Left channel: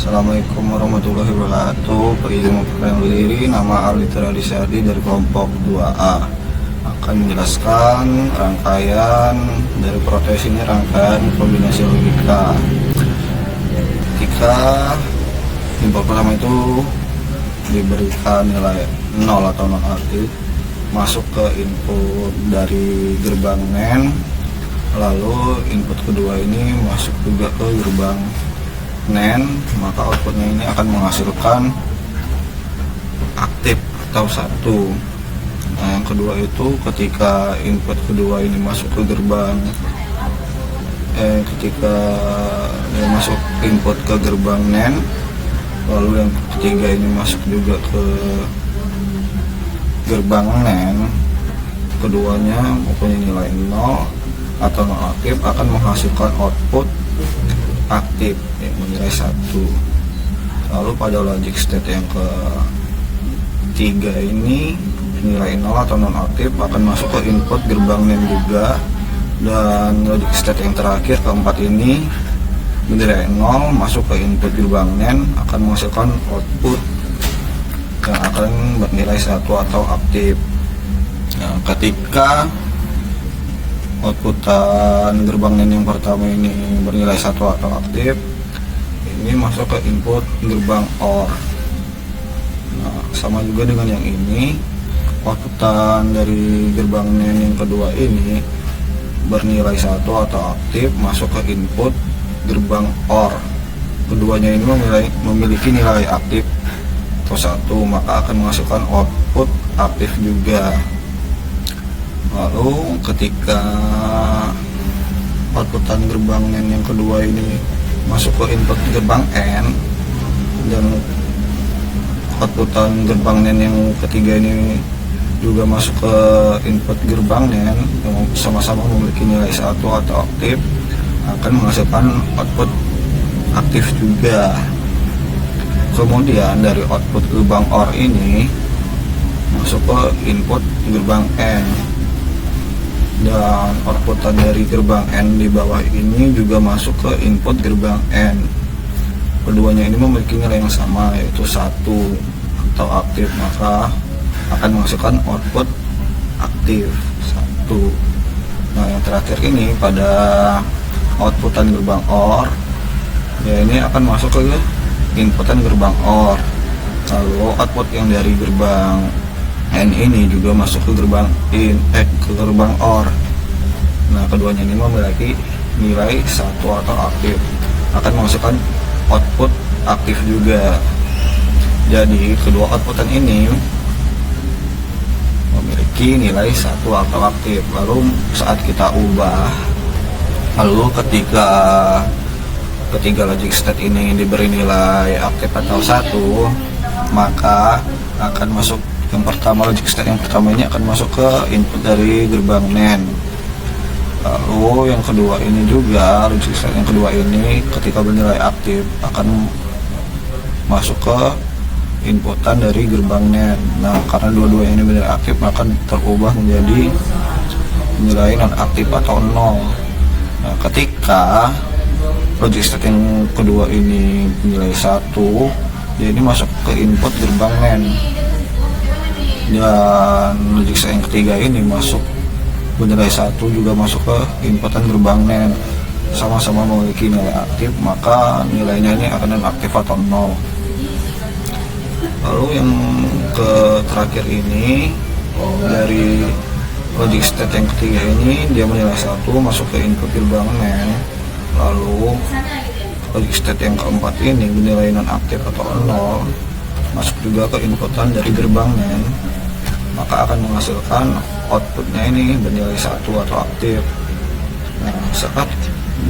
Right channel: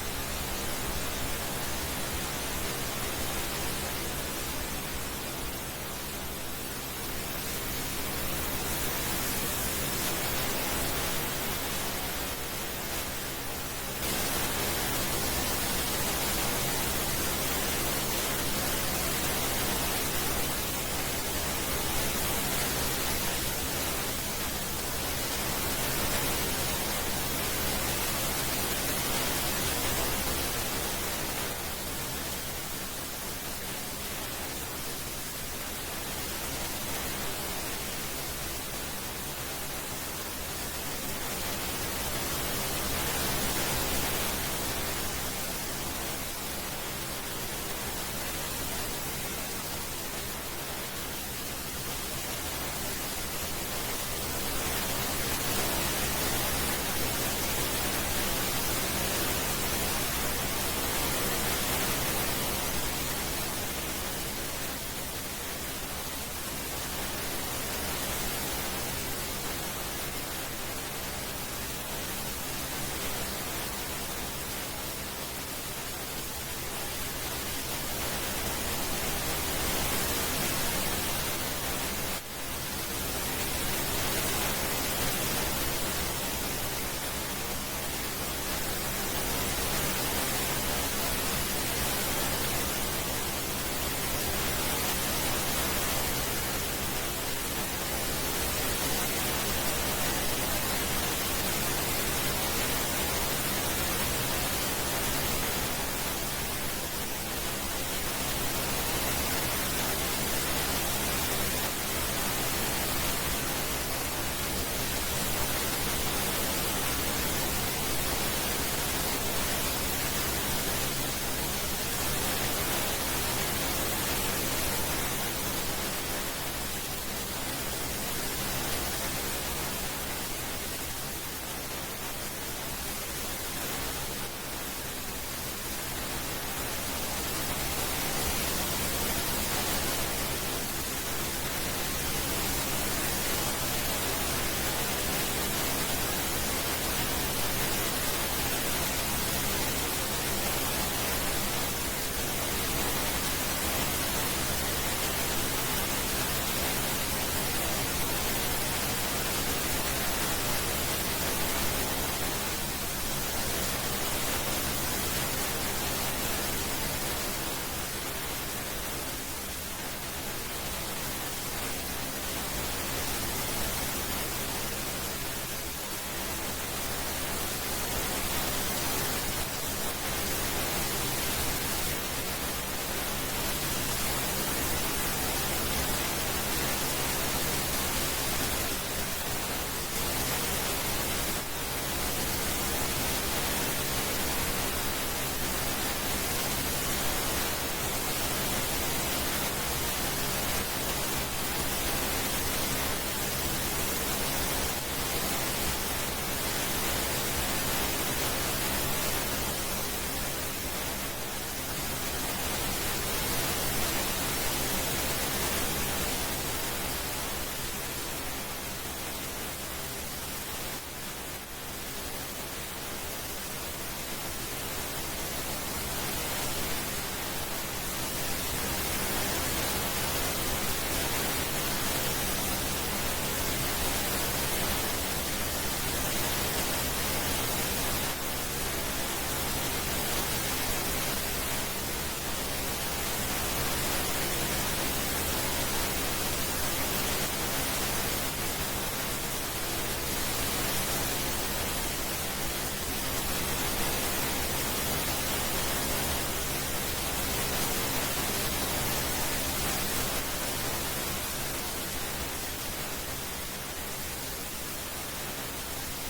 Assalamualaikum warahmatullahi wabarakatuh. Izin memperkenalkan diri, nama Alitra Disadi dari kelompok 2A. Akan menjelaskan rangkaian dari protes ini, rangkaian kombinasi logika. Ketika input pertama itu diberikan nilai 0 atau non aktif, masuk ke input dari gerbang NAND, lalu input kedua ini masuk juga ke gerbang NAND, maka outputnya ini akan menghasilkan aktif atau satu. Nah, yang kedua itu ketika input kedua ini masuk ke gerbang ketika dia masuk input ke gerbang NAND, lalu yang ketiga ini masuk juga ke gerbang NAND, keduanya mempunyai nilai 0 atau non aktif, akan menghasilkan output aktif yang nilai 1. Lalu pada logic state yang ketiga ini nilai 0 atau non aktif akan masuk ke input gerbang NAND juga, dan logic state yang terakhir keempat ini nilai 0 masuk ke input gerbang NAND akan menghasilkan output yang akan bernilai 1 atau aktif. Nah, ketika outputan gerbang NAND yang pertama ini bernilai 1 atau aktif, ini masuk ke input gerbang OR. Nah, sama juga dengan yang ini, outputan dari gerbang NAND yang kedua ini bernilai 1 atau aktif, masuk ke input gerbang OR. Keduanya ini memiliki nilai aktif atau 1, maka akan menghasilkan output aktif juga. Lalu ketika outputan gerbang NAND yang kedua ini masuk ke input gerbang N, dan outputan gerbang NAND yang ketiga ini juga masuk ke input gerbang NAND yang sama-sama memiliki nilai 1 atau aktif, akan menghasilkan output aktif juga. Kemudian dari output gerbang OR ini masuk ke input gerbang N, dan outputan dari gerbang N di bawah ini juga masuk ke input gerbang N. Keduanya ini memiliki nilai yang sama, yaitu 1 atau aktif, maka akan menghasilkan output aktif 1. Nah, yang terakhir ini pada outputan gerbang OR, ya ini akan masuk ke inputan gerbang OR. Lalu output yang dari gerbang N ini juga masuk ke gerbang ke gerbang OR. Nah, keduanya ini memiliki nilai 1 atau aktif, akan menghasilkan output aktif juga. Jadi kedua outputan ini memiliki nilai 1 atau aktif. Lalu saat kita ubah, lalu ketika logic state ini diberi nilai aktif atau 1, maka akan masuk yang pertama, logic state yang pertama ini akan masuk ke input dari gerbang NAND. Lalu yang kedua ini juga, logic state yang kedua ini ketika bernilai aktif akan masuk ke inputan dari gerbang NAND. Nah, karena dua-dua ini bernilai aktif, maka terubah menjadi nilai non aktif atau 0. Nah, ketika logic state yang kedua ini bernilai 1, jadi masuk ke input gerbang NAND, dan logic state yang ketiga ini masuk bernilai 1 juga masuk ke inputan gerbang NAND, sama-sama memiliki nilai aktif, maka nilainya ini akan non aktif atau 0. Lalu yang terakhir ini dari logic state yang ketiga ini dia bernilai 1 masuk ke input gerbang NAND, lalu logic state yang keempat ini bernilai non aktif atau 0 masuk juga ke inputan dari gerbang NAND, maka akan menghasilkan outputnya ini bernilai 1 atau aktif. Nah, saat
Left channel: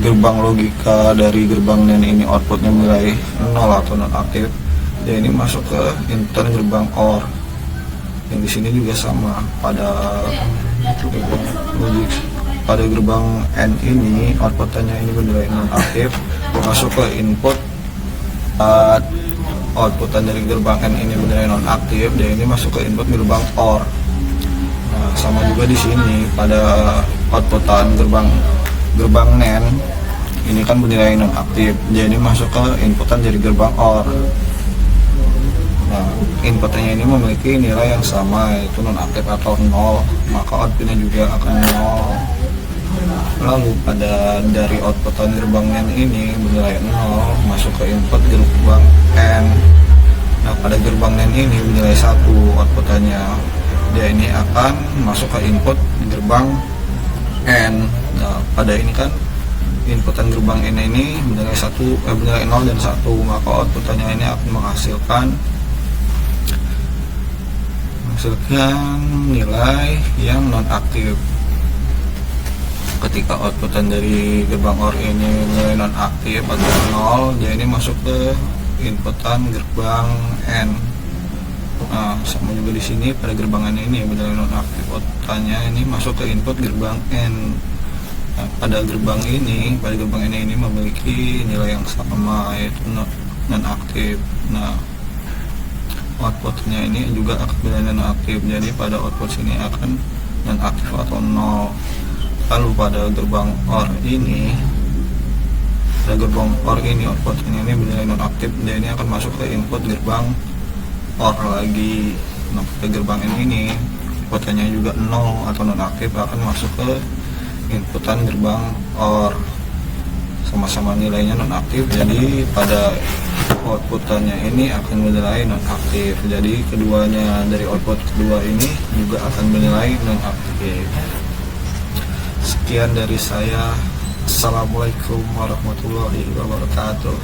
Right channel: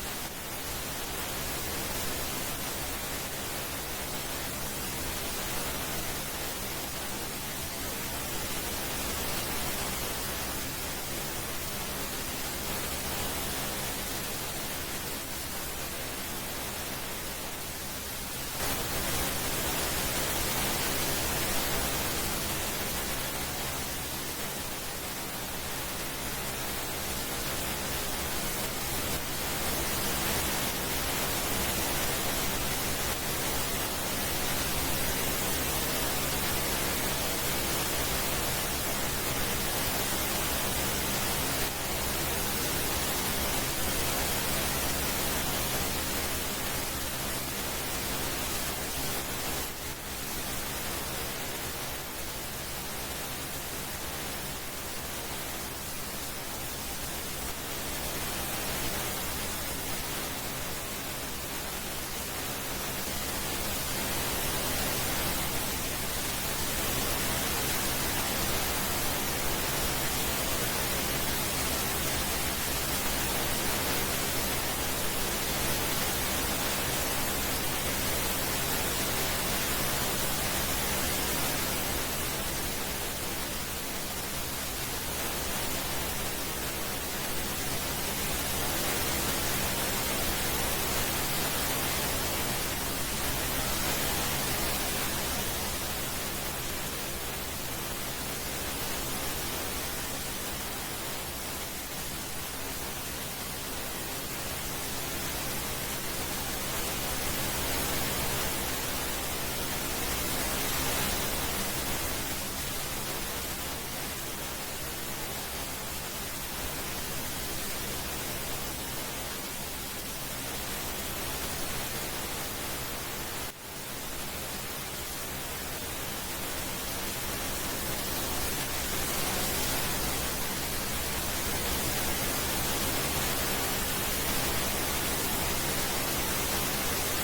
gerbang logika dari gerbang NAND ini outputnya nilai 0 atau non aktif, dia ini masuk ke input gerbang OR. Yang di sini juga sama, pada gerbang N ini outputannya ini bernilai non aktif, masuk ke input outputan dari gerbang N ini bernilai non aktif, dan ini masuk ke input gerbang OR. Nah, sama juga di sini pada outputan gerbang NAND ini kan bernilai nonaktif, jadi masuk ke inputan dari gerbang OR. Nah, inputannya ini memiliki nilai yang sama, yaitu nonaktif atau 0, maka outputnya juga akan 0. Lalu pada dari outputan gerbang NAND ini bernilai 0 masuk ke input gerbang N. Nah, pada gerbang NAND ini bernilai 1 outputannya, dia ini akan masuk ke input gerbang N. Nah, pada ini kan inputan gerbang N ini bernilai 0 dan 1, maka outputannya ini akan menghasilkan nilai yang nonaktif. Ketika outputan dari gerbang OR ini nilai nonaktif atau 0, dia ini masuk ke inputan gerbang N. Nah, sama juga di sini pada gerbang N ini nilai nonaktif, outputannya ini masuk ke input gerbang N. Nah, pada gerbang N ini memiliki nilai yang sama, yaitu nonaktif. Nah, outputnya ini juga akan bernilai nonaktif, jadi pada output sini akan nonaktif atau 0. Lalu pada gerbang OR ini, outputnya ini bernilai nonaktif, jadi ini akan masuk ke input gerbang OR lagi. Nah, pada gerbang ini outputnya juga 0 atau nonaktif, akan masuk ke inputan gerbang OR, sama-sama nilainya nonaktif, jadi pada outputannya ini akan bernilai nonaktif. Jadi keduanya dari output kedua ini juga akan bernilai nonaktif. Sekian dari saya. Assalamualaikum warahmatullahi wabarakatuh.